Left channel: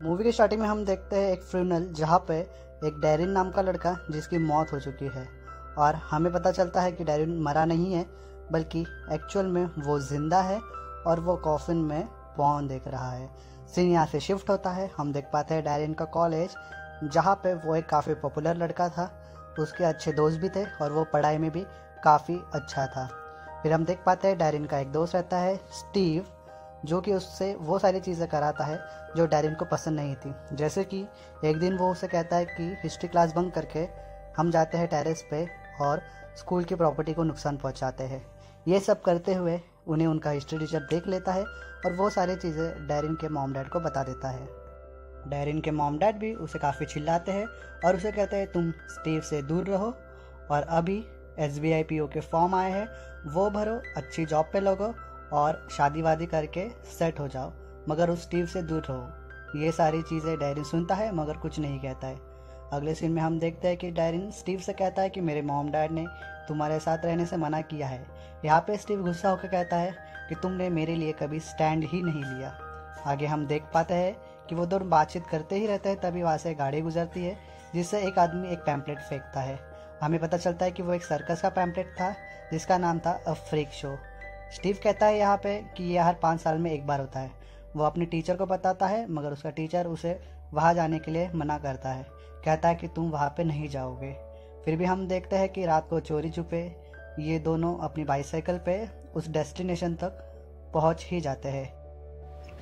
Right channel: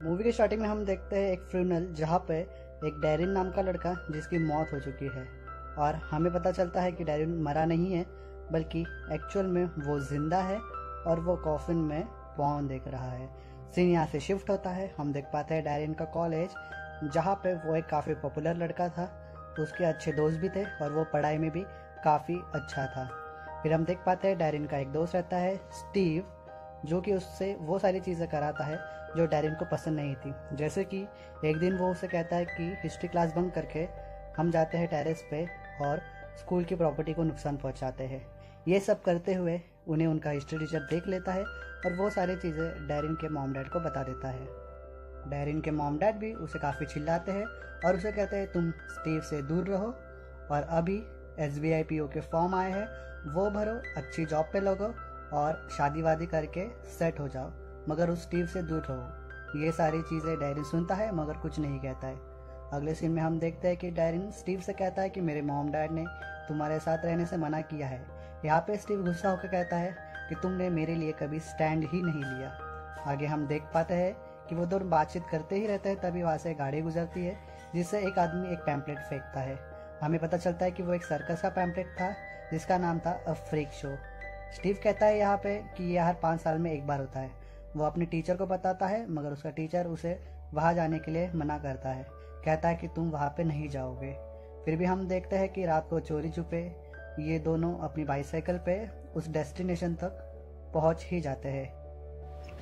Movie के starting में हम देखते हैं एक फ्यूनरल जहाँ पे एक डैरिन नाम का लड़का जिसकी मौत हो चुकी है और हमें पता चलता है कि डैरिन मरा नहीं है बल्कि एक्चुअल में वो जिंदा है और वो कॉफिन में पॉर्न देख रहा है। सीन यहाँ से शिफ्ट होता है, हम देख पाते हैं डैरिन का कॉलेज जहाँ पे वो एक काफ़ी पॉपुलर लड़का था, उसके अच्छे दोस्त भी थे और वो पढ़ाई में भी काफ़ी अच्छा था। फिर हम देख पाते हैं डैरिन का एक दोस्त रहता है स्टीव, जो कि उससे वो सारी चीज़ें कराता है जो डैरिन को पसंद नहीं थी। जैसे कि एक दिन वो उसे कहता है कि हिस्ट्री क्लास बंक करके हम जाते हैं टेरेस पे और स्कूल की प्रॉपर्टी को नुकसान पहुंचाते हैं। ये सब करते हुए उन्हें उनका हिस्ट्री टीचर देख लेता है और वो सारी चीज़ें डैरिन के मॉम डैड को बता देता है। डैरिन के मॉम डैड भी उसे काफ़ी चिल्लाते हैं और उसे कहते हैं तुम स्टीव से दूर रहो और अभी SBI PO के फॉर्म आए हैं वो भरो, अच्छी जॉब पे लगो और शादी वादी करके सेट हो जाओ, मगर उस स्टीव से दूर रहो। ये सारी चीज़ें डैरिन सुनता है मगर कुछ नहीं कहता है। अगले सीन में हम देखते हैं कि डैरिन स्टीव से कहता है कि मेरे मॉम डैड ने तुम्हारे साथ रहने से मना किया है। यहाँ पे स्टीव गुस्सा होकर कहता है कि तुमने मेरे लिए कभी स्टैंड ही नहीं लिया। आगे हम देख पाते हैं कि वो दोनों बातचीत करते ही रहते हैं, तभी वहाँ से गाड़ी गुजरती है जिससे एक आदमी एक पैम्पलेट फेंकता है। हमें पता चलता है कि वो एक सर्कस का पैम्पलेट था जिसका नाम था अ फ्रीक शो। स्टीव कहता है यहाँ पे कि यह हर 5 साल में एक बार होता है। वो अपने टीचर को बताता है मगर उसका टीचर उसे वहाँ जाने के लिए मना करता है, कहता है कि तुम वहाँ पे नहीं जाओगे। फिर भी हम देखते हैं कि रात को चोरी छुपे ये दोनों अपनी बाइसाइकिल पे उस डेस्टिनेशन तक पहुँच ही जाते हैं।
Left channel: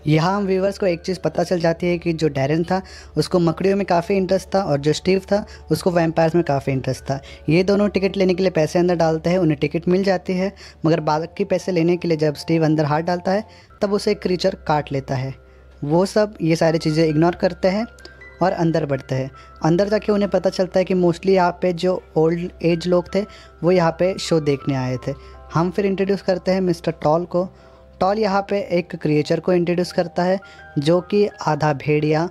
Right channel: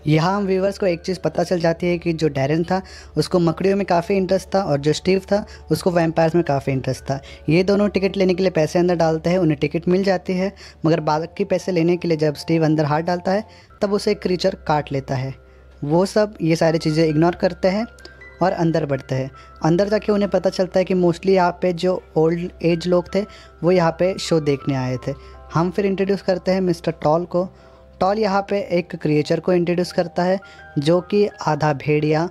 यहाँ हम व्यूवर्स को एक चीज़ पता चल जाती है कि जो डैरिन था उसको मकड़ियों में काफ़ी इंटरेस्ट था और जो स्टीव था उसको वैम्पायर्स में काफ़ी इंटरेस्ट था। ये दोनों टिकट लेने के लिए पैसे अंदर डालते हैं, उन्हें टिकट मिल जाती है, मगर बाकी पैसे लेने के लिए जब स्टीव अंदर हाथ डालता है तब उसे एक क्रीचर काट लेता है। वो सब ये सारी चीज़ें इग्नोर करते हैं और अंदर बढ़ते हैं। अंदर जाके उन्हें पता चलता है कि मोस्टली यहाँ पे जो ओल्ड एज लोग थे वो यहाँ पे शो देखने आए थे। हम फिर इंट्रोड्यूस करते हैं मिस्टर टॉल को। टॉल यहाँ पे एक क्रिएचर को इंट्रोड्यूस करता है जो कि आधा भेड़िया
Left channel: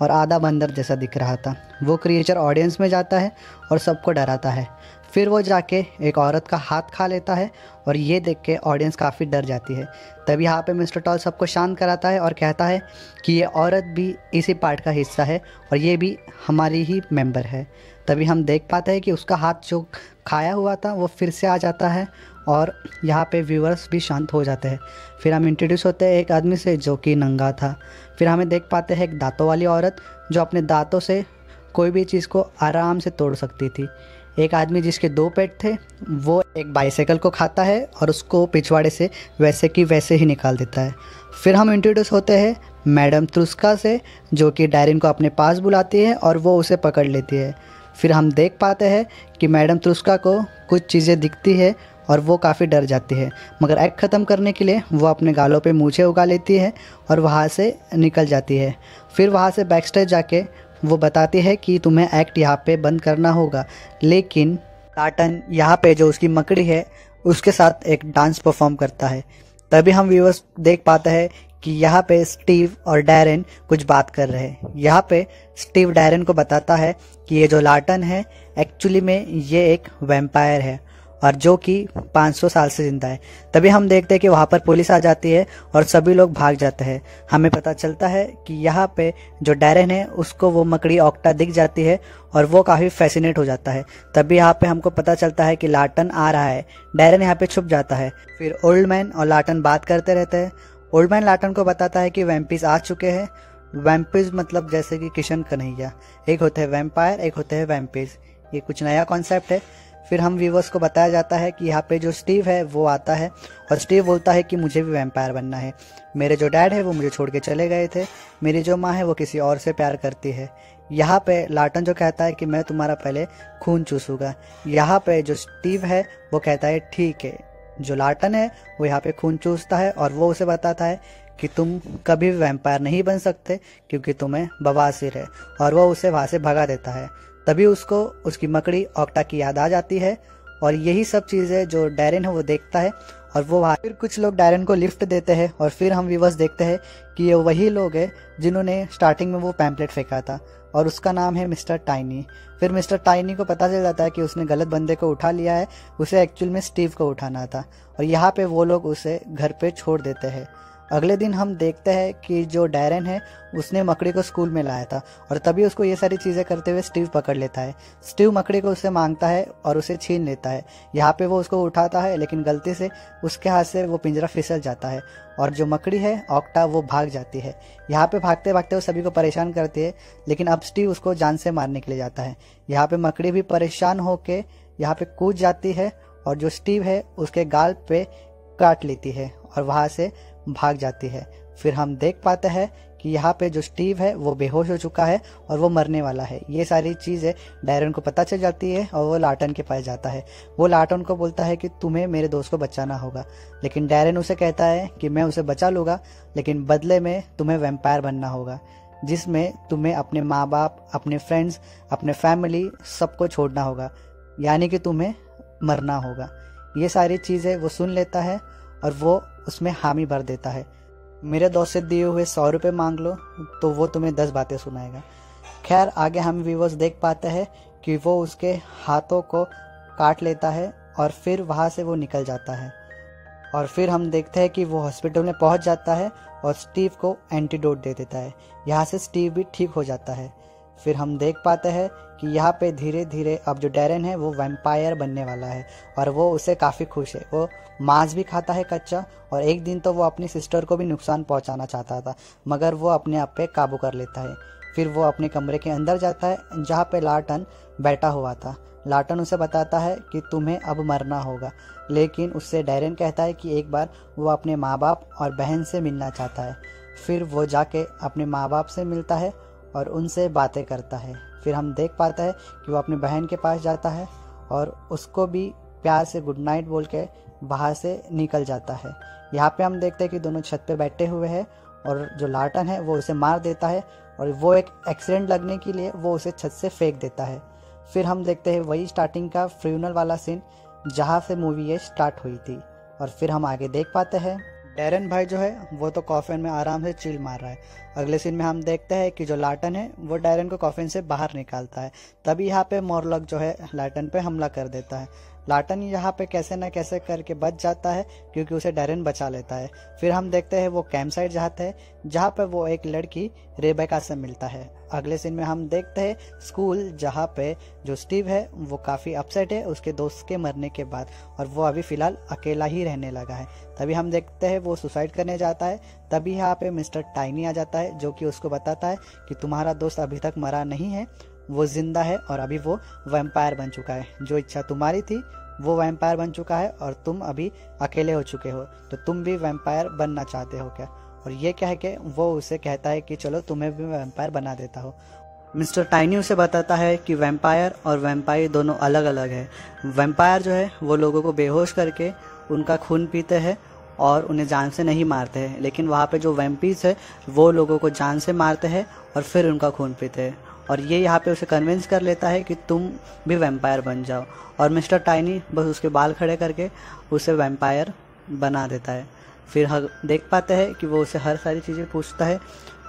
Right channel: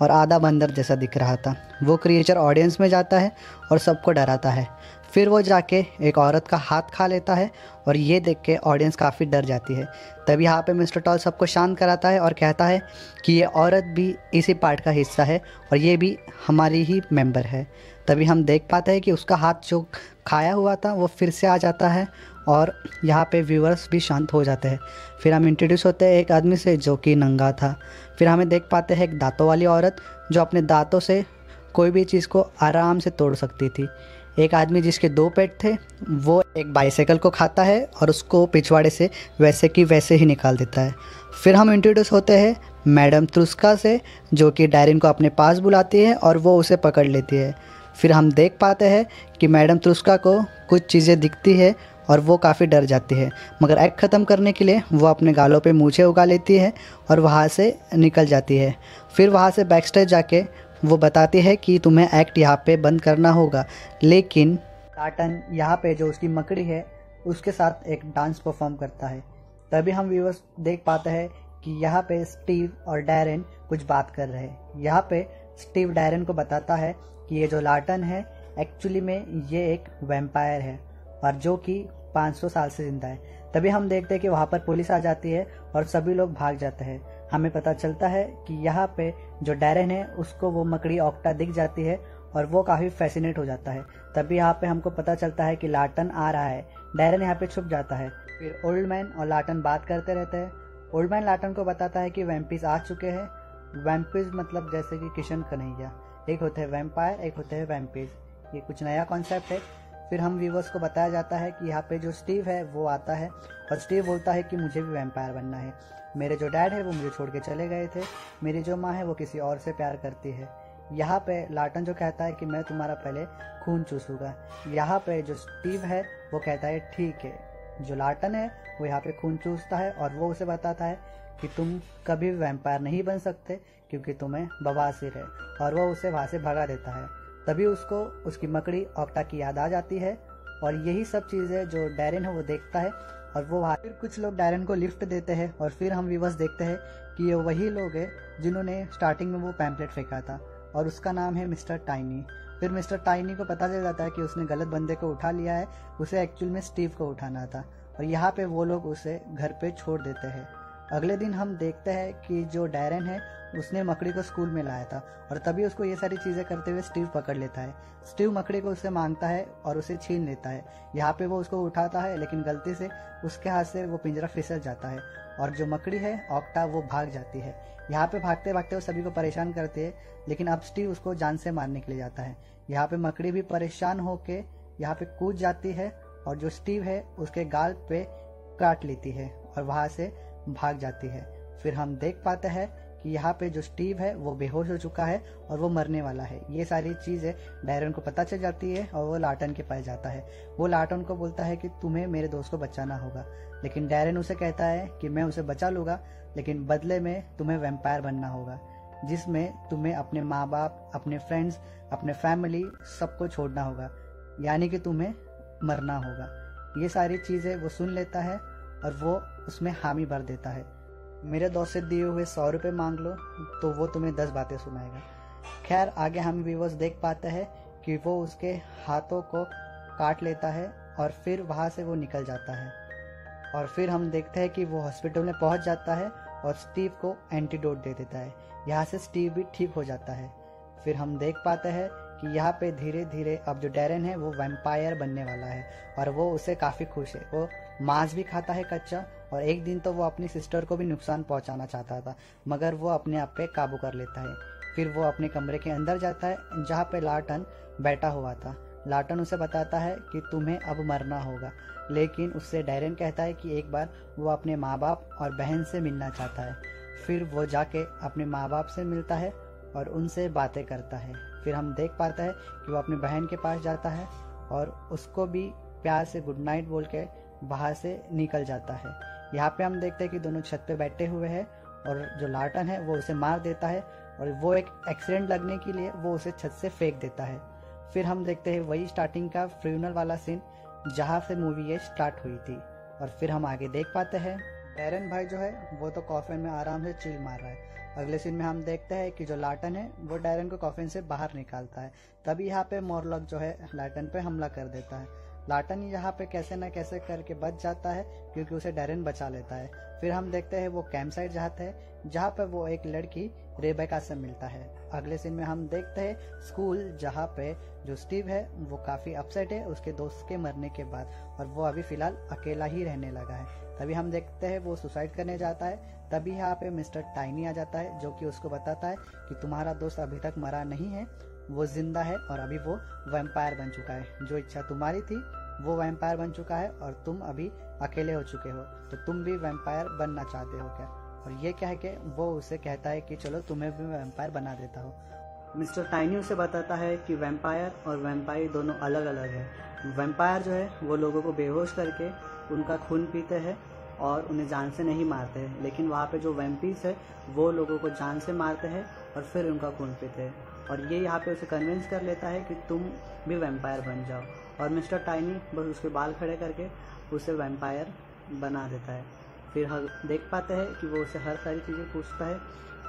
और आधा बंदर जैसा दिख रहा था। वो क्रिएचर ऑडियंस में जाता है और सबको डराता है। फिर वो जाके एक औरत का हाथ खा लेता है और ये देख के ऑडियंस काफ़ी डर जाती है। तभी यहाँ पे मिस्टर टॉल सबको शांत कराता है और कहता है कि ये औरत भी इसी पार्ट का हिस्सा है और ये भी हमारी ही मेंबर है। तभी हम देख पाते हैं कि उसका हाथ जो खाया हुआ था वो फिर से आ जाता है और यहाँ पे व्यूअर्स भी शांत हो जाते हैं। फिर हम इंट्रोड्यूस होते हैं एक आदमी से जो कि नंगा था। फिर हमें देख पाते हैं एक दांतों वाली औरत जो अपने दांतों से कोई भी चीज़ को आराम से तोड़ सकती थी। एक आदमी जिसके 2 पेट थे वो एक बाइसाइकिल को खाता है और उसको पिछवाड़े से वैसे की वैसे ही निकाल देता है। फिर हम इंट्रोड्यूस होते हैं मैडम त्रुस्का से जो कि डैरिन को अपने पास बुलाती है और वो उसे पकड़ लेती है। फिर हम देख पाते हैं कि मैडम त्रुस्का को कुछ चीज़ें दिखती है और वो काफ़ी डर जाती है, मगर एक्ट ख़त्म करने के लिए वो अपने गालों पे मूछें उगा लेती है और वहाँ से निकल जाती है। फिर वहाँ से बैक स्टेज जाके वो बताती है कि तुम्हें एक्ट यहाँ पे बंद करना होगा, लेकिन लाटन यहाँ पे जो उसकी मकड़ी है उसके साथ एक डांस परफॉर्म करता है। तभी हम व्यूअर्स देख पाते हैं कि यहाँ पे स्टीव और डैरिन कुछ बात कर रहे हैं। यहाँ पे स्टीव डैरिन को बताता है कि ये जो लाटन है एक्चुअली में ये एक वैम्पायर है और जो कि 500 साल से जिंदा है। तभी हम देखते हैं कि वहाँ पर पुलिस आ जाती है और सभी लोग भाग जाते हैं। हमें पता चलता है कि यहाँ पे जो डैरिन है उसको वो मकड़ी ऑक्टा दिख जाती है और वो काफ़ी फैसिनेट हो जाता है। तभी यहाँ पे हमको पता चलता है कि लाटन आ रहा है। डैरिन यहाँ पे छुप जाता है। फिर ओल्ड मैन और लाटन बात करते रहते हैं। ओल्ड मैन लाटन को बताता है कि वैम्पीज आ चुके हैं। वैम्पीज मतलब जैसे कि किशन कन्हैया, एक होते हैं वैम्पायर, एक होते हैं वैम्पीज। ये कुछ नया कॉन्सेप्ट है। फिर हम व्यूवर्स को बताया जाता है कि यहाँ पे जो स्टीव है वो आता है और स्टीव बोलता है कि मुझे भी वैम्पायर बनना है। मेरे जो डैड है वो मुझे छोड़ के चले गए थे, मेरी जो माँ है वो किसी और से प्यार करती है। यहाँ पे लाटन जो कहता है कि मैं तुम्हारा पहले खून चूसूंगा। यहाँ पे जो स्टीव है वो कहता है ठीक है। जो लाटन है वो यहाँ पे खून चूसता है और वो उसे बताता है कि तुम कभी भी वैम्पायर नहीं बन सकते क्योंकि तुम्हें बवासीर है, और वो उसे वहाँ से भगा देता है। तभी उसको उसकी मकड़ी ऑक्टा की याद आ जाती है और यही सब चीज़ें जो डैरिन है वो देखता है और वो वहाँ फिर कुछ लोग डैरिन को लिफ्ट देते हैं और फिर हम व्यूवर्स देखते हैं कि ये वही लोग हैं जिन्होंने स्टार्टिंग में वो पैम्पलेट फेंका था और उसका नाम है मिस्टर टाइनी। फिर मिस्टर टाइनी को पता चल जाता है कि उसने गलत बंदे को उठा लिया है, उसे एक्चुअल में स्टीव को उठाना था और यहाँ पे वो लोग उसे घर पे छोड़ देते हैं। अगले दिन हम देखते हैं कि जो डैरेन है उसने मकड़ी को स्कूल में लाया था और तभी उसको ये सारी चीज़ें करते हुए स्टीव पकड़ लेता है। स्टीव मकड़ी को उससे मांगता है और उसे छीन लेता है। यहाँ पे वो उसको उठाता है लेकिन गलती से उसके हाथ से वो पिंजरा फिसल जाता है और जो मकड़ी है ऑक्टा वो भाग जाती है। यहाँ पे भागते भागते वो सभी को परेशान करती है लेकिन अब स्टीव उसको जान से मारने के लिए जाता है। यहाँ पे मकड़ी भी परेशान होके यहाँ पे कूद जाती है और जो स्टीव है उसके गाल पे काट लेती है और वहाँ से भाग जाती है। फिर हम देख पाते हैं कि यहाँ पे जो स्टीव है वो बेहोश हो चुका है और वो मरने वाला है। ये सारी चीज़ें डैरेन को पता चल जाती है और वो लाटन के पास जाता है। वो लाटन को बोलता है कि तुम्हें मेरे दोस्त को बचाना होगा, लेकिन डैरेन उसे कहता है कि मैं उसे बचा लूँगा लेकिन बदले में तुम्हें वैम्पायर बनना होगा, जिसमें तुम्हें अपने माँ बाप, अपने फ्रेंड्स, अपने फैमिली सबको छोड़ना होगा, यानी कि तुम्हें मरना होगा। ये सारी चीज़ें वो सुन लेता है और वो उसमें हामी भर देता है। मेरे दोस्त से दिए हुए 100 रुपये मांग लो तो वो तुम्हें 10 बातें सुनाएगा। खैर आगे हम व्यूअर्स देख पाते हैं कि वो उसके हाथों को काट लेता है और फिर वहाँ से वो निकल जाता है। और फिर हम देखते हैं कि वो हॉस्पिटल में पहुँच जाता है और स्टीव को एंटीडोट दे देता है। यहाँ से स्टीव भी ठीक हो जाता है। फिर हम देख पाते हैं कि यहाँ पे धीरे धीरे अब जो डैरेन है वो वैम्पायर बनने वाला है और वो उससे काफ़ी खुश है। वो मांस भी खाता है कच्चा और एक दिन तो वो अपनी सिस्टर को भी नुकसान पहुँचाना चाहता था मगर वो अपने आप पे काबू कर लेता है। फिर वो अपने कमरे के अंदर जाता है जहाँ पे लाटन बैठा हुआ था। लाटन उसे बताता है कि तुम्हें अब मरना होगा, लेकिन उससे डैरेन कहता है कि एक बार वो अपने माँ बाप और बहन से मिलना चाहता है। फिर वो जाके अपने माँ बाप से मिलता है और उनसे बातें करता है। फिर हम देख पाते हैं कि वो अपनी बहन के पास जाता है और उसको भी प्यार से गुड नाइट बोल के बाहर से निकल जाता है। यहाँ पे हम देखते हैं कि दोनों छत पे बैठे हुए हैं और जो लाटन है वो उसे मार देता है और वो एक एक्सीडेंट लगने के लिए वो उसे छत से फेंक देता है। फिर हम देखते हैं वही स्टार्टिंग का फ्यूनल वाला सीन जहाँ से मूवी ये स्टार्ट हुई थी। और फिर हम आगे देख पाते हैं डैरेन भाई जो है वो तो कॉफिन में आराम से चिल मार रहा है। अगले सीन में हम देखते हैं कि जो लाटन है वो डैरेन को कॉफिन से बाहर निकालता है। तभी यहाँ पे मोरलॉक जो है लाटन पे हमला कर देता है। लाटन यहाँ पे कैसे न कैसे करके बच जाता है क्योंकि उसे डैरेन बचा लेता है। फिर हम देखते हैं वो कैंप साइट जाते हैं जहाँ पे वो एक लड़की रेबेका से मिलता है। अगले सीन में हम देखते हैं स्कूल जहाँ पे जो स्टीव है वो काफ़ी अपसेट है उसके दोस्त के मरने के बाद और वो अभी फ़िलहाल अकेला ही रहने लगा है। तभी हम देखते हैं वो सुसाइड करने जाता है। तभी यहाँ पे मिस्टर टाइनी आ जाता है जो कि उसको बताता है कि तुम्हारा दोस्त अभी तक मरा नहीं है, वो जिंदा है और अभी वो वैम्पायर बन चुका है। जो इच्छा तुम्हारी थी वो वैम्पायर बन चुका है और तुम अभी अकेले हो चुके हो, तो तुम भी वैम्पायर बनना चाहते हो क्या? और ये कह के वो उसे कहता है कि चलो तुम्हें भी वैम्पायर बना देता हो। मिस्टर टाइनी उसे बताता है कि वैम्पायर और वैम्पायर दोनों अलग अलग है। वैम्पायर जो है वो लोगों को बेहोश करके उनका खून पीते हैं और उन्हें जान से नहीं मारते हैं, लेकिन वहाँ पे जो वैम्पीर्स है वो लोगों को जान से मारते हैं और फिर उनका खून पीते हैं। और ये यहाँ पे उसे कन्विंस कर लेता है कि तुम भी वैम्पायर बन जाओ और मिस्टर टाइनी बस उसके बाल खड़े करके उसे वैम्पायर बना देता है। फिर हम देख पाते हैं कि वो उसे हर सारी चीज़ें पूछता है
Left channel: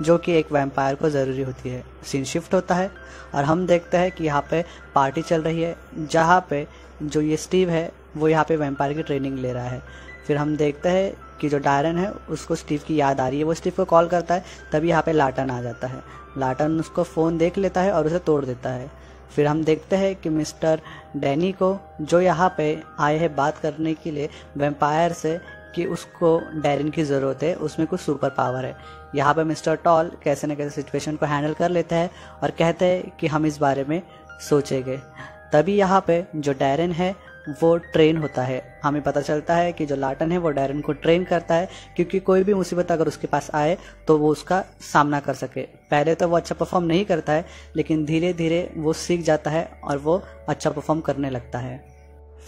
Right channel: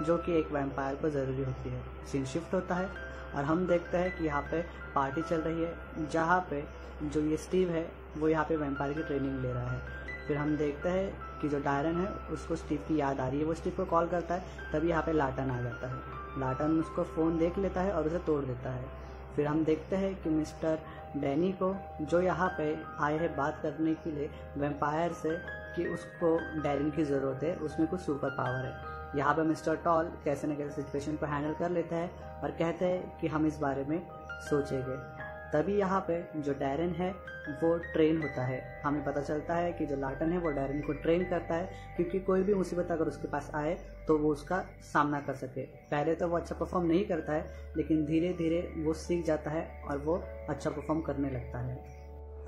जो कि एक वैम्पायर को ज़रूरी होती है। सीन शिफ्ट होता है और हम देखते हैं कि यहाँ पे पार्टी चल रही है जहाँ पे जो ये स्टीव है वो यहाँ पे वैम्पायर की ट्रेनिंग ले रहा है। फिर हम देखते हैं कि जो डैरेन है उसको स्टीव की याद आ रही है। वो स्टीव को कॉल करता है तभी यहाँ पे लाटन आ जाता है। लाटन उसको फ़ोन देख लेता है और उसे तोड़ देता है। फिर हम देखते हैं कि मिस्टर डैनी को जो यहाँ पे आए हैं बात करने के लिए वैम्पायर से कि उसको डैरेन की ज़रूरत है, उसमें कुछ सुपर पावर है। यहाँ पे मिस्टर टॉल कैसे न कैसे सिचुएशन को हैंडल कर लेता है और कहते हैं कि हम इस बारे में सोचेंगे। तभी यहाँ पे जो डैरेन है वो ट्रेन होता है। हमें पता चलता है कि जो लाटन है वो डैरेन को ट्रेन करता है क्योंकि कोई भी मुसीबत अगर उसके पास आए तो वो उसका सामना कर सके। पहले तो वो अच्छा परफॉर्म नहीं करता है लेकिन धीरे धीरे वो सीख जाता है और वो अच्छा परफॉर्म करने लगता है।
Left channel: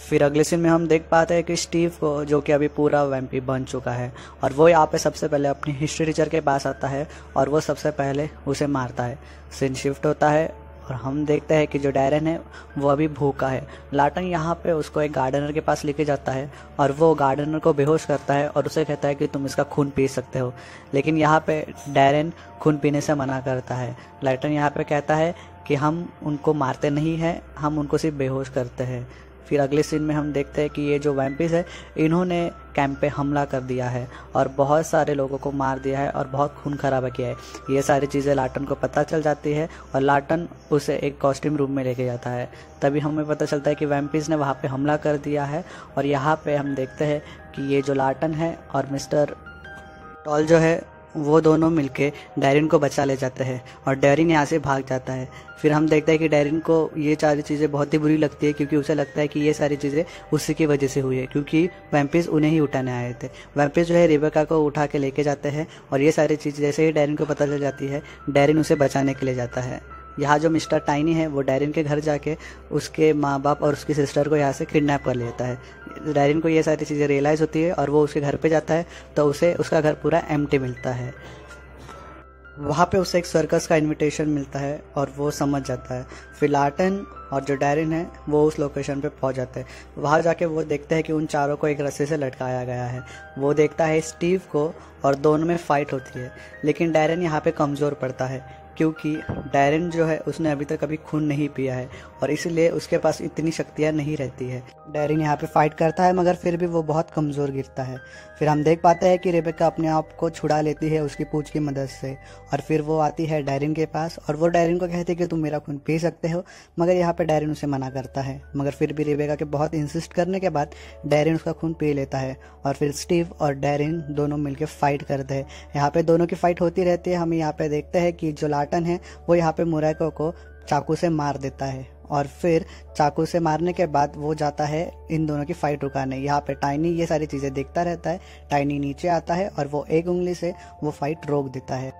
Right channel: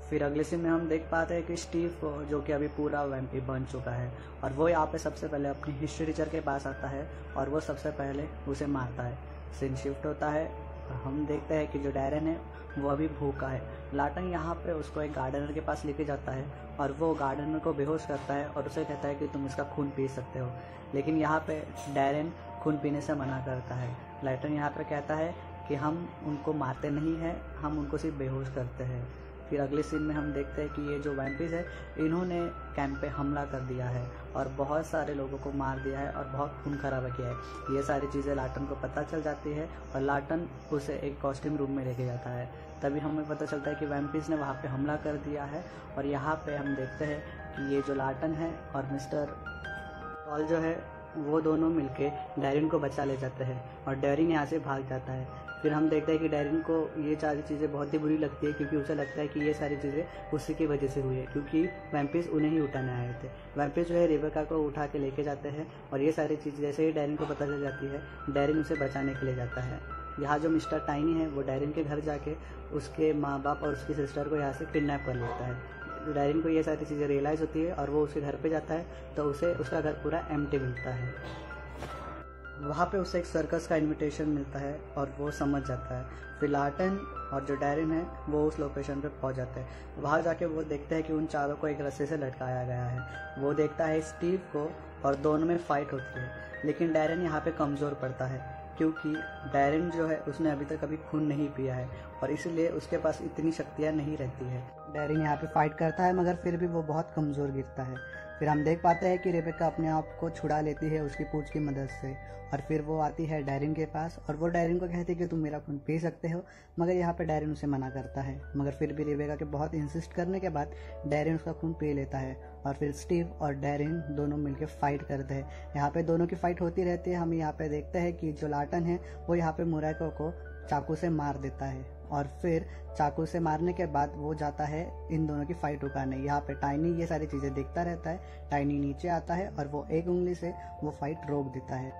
फिर अगले सीन में हम देख पाते हैं कि स्टीव को जो कि अभी पूरा वैम्पी बन चुका है और वो यहाँ पे सबसे पहले अपनी हिस्ट्री टीचर के पास आता है और वो सबसे पहले उसे मारता है। सीन शिफ्ट होता है और हम देखते हैं कि जो डैरेन है वो अभी भूखा है। लाटन यहाँ पे उसको एक गार्डनर के पास लेके जाता है और वो गार्डनर को बेहोश करता है और उसे कहता है कि तुम इसका खून पी सकते हो, लेकिन यहाँ पे डैरेन खून पीने से मना करता है। लाटन यहाँ पे कहता है कि हम उनको मारते नहीं हैं, हम उनको सिर्फ बेहोश करते हैं। फिर अगले सीन में हम देखते हैं कि ये जो वैम्पिस है इन्होंने कैंप पे हमला कर दिया है और बहुत सारे लोगों को मार दिया है और बहुत खून खराबा किया है। ये सारी चीज़ें लाटन को पता चल जाती है और लाटन उसे एक कॉस्ट्यूम रूम में लेके जाता है। तभी हमें पता चलता है कि वैम्पिस ने वहाँ पे हमला कर दिया है और यहाँ पे हम देखते हैं कि ये जो लाटन है और मिस्टर टॉल जो है वो दोनों मिलके डैरिन को बचा ले जाते हैं और डैरिन यहाँ से भाग जाता है। फिर हम देखते हैं कि डैरिन को ये सारी चीज़ें बहुत ही बुरी लगती है क्योंकि उसे लगता है कि ये सारी चीज़ें उसी की वजह से हुई है, क्योंकि वैम्पिस उन्हें ही उठाने आए थे। वैम्पिस जो है रेबेका को उठा के लेके जाते हैं और ये सारी चीज़ जैसे ही डैरिन को पता चल जाती है डैरिन उसे बचाने के लिए जाता है। यहाँ जो मिस्टर टाइनी है वो डैरिन के घर जाके उसके माँ बाप और उसकी सिस्टर को यहाँ से किडनैप कर लेता है। डैरिन को ये सारी चीज़ें रियलाइज़ होती है और वो उसके घर पे जाता है तो उसे उसका घर पूरा एम्प्टी मिलता है। वहाँ पे उसे एक सर्कस का इनविटेशन मिलता है और वो समझ जाता है। फिर लाटन और जो डैरिन है वो उस लोकेशन पे पहुँच जाते हैं। वहाँ जाके वो देखते हैं कि उन चारों को एक रस्से से लटकाया गया है। वो देखता है स्टीव को और दोनों में फ़ाइट होती है, लेकिन डैरिन यहाँ पे कमज़ोर पड़ता है क्योंकि डैरिन जो है उसने अभी तक कभी खून नहीं पिया है और इसलिए उसके पास इतनी शक्तियाँ नहीं रहती है। डैरिन यहाँ पे फाइट करता है मगर फिर भी वो बहुत कमज़ोर गिरता है। फिर हम देख पाते हैं कि रेबेका अपने आप को छुड़ा लेती है उसकी पूंछ की मदद से और फिर वो आती है डैरिन के पास और वो डैरिन को कहती है कि तुम मेरा खून पी सकते हो, मगर यहाँ पे डैरिन उसे मना करता है। मगर फिर भी रेबेका के बहुत इंसिस्ट करने के बाद डैरिन उसका खून पी लेता है और फिर स्टीव और डैरिन दोनों मिलकर फाइट करते हैं। यहाँ पे दोनों की फाइट होती रहती है। हम यहाँ पे देखते हैं कि जो लाटन है वो यहाँ पे मुरैको को चाकू से मार देता है और फिर चाकू से मारने के बाद वो जाता है इन दोनों की फाइट रुकाने। यहाँ पे टाइनी ये सारी चीज़ें देखता रहता है। टाइनी नीचे आता है और वो एक उंगली से वो फाइट रोक देता है।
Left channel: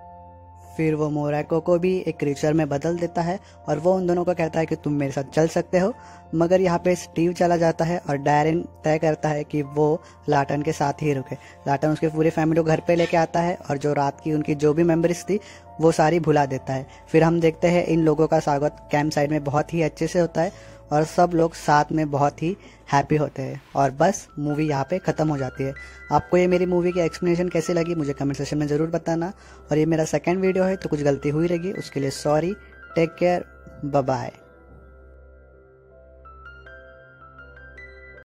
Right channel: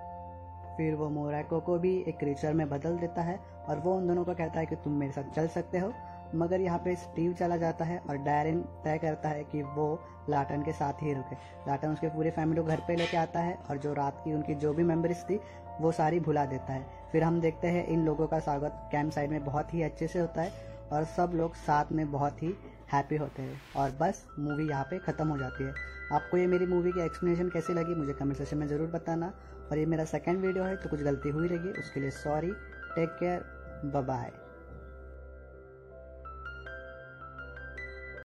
फिर वो मोरैको को भी एक क्रीचर में बदल देता है और वो उन दोनों को कहता है कि तुम मेरे साथ चल सकते हो। मगर यहाँ पे स्टीव चला जाता है और डैरिन तय करता है कि वो लाटन के साथ ही रुके। लाटन उसके पूरी फैमिली को घर पे लेके आता है और जो रात की उनकी जो भी मेमोरीज थी वो सारी भुला देता है। फिर हम देखते हैं इन लोगों का स्वागत कैंप साइड में बहुत ही अच्छे से होता है और सब लोग साथ में बहुत ही हैप्पी होते हैं और बस मूवी यहाँ पे ख़त्म हो जाती है। आपको ये मेरी मूवी की एक्सप्लेनेशन कैसी लगी मुझे कमेंट सेक्शन में ज़रूर बताना। और ये मेरा सेकंड वीडियो है तो कुछ गलती हुई रहेगी उसके लिए sorry. Take care, bye bye.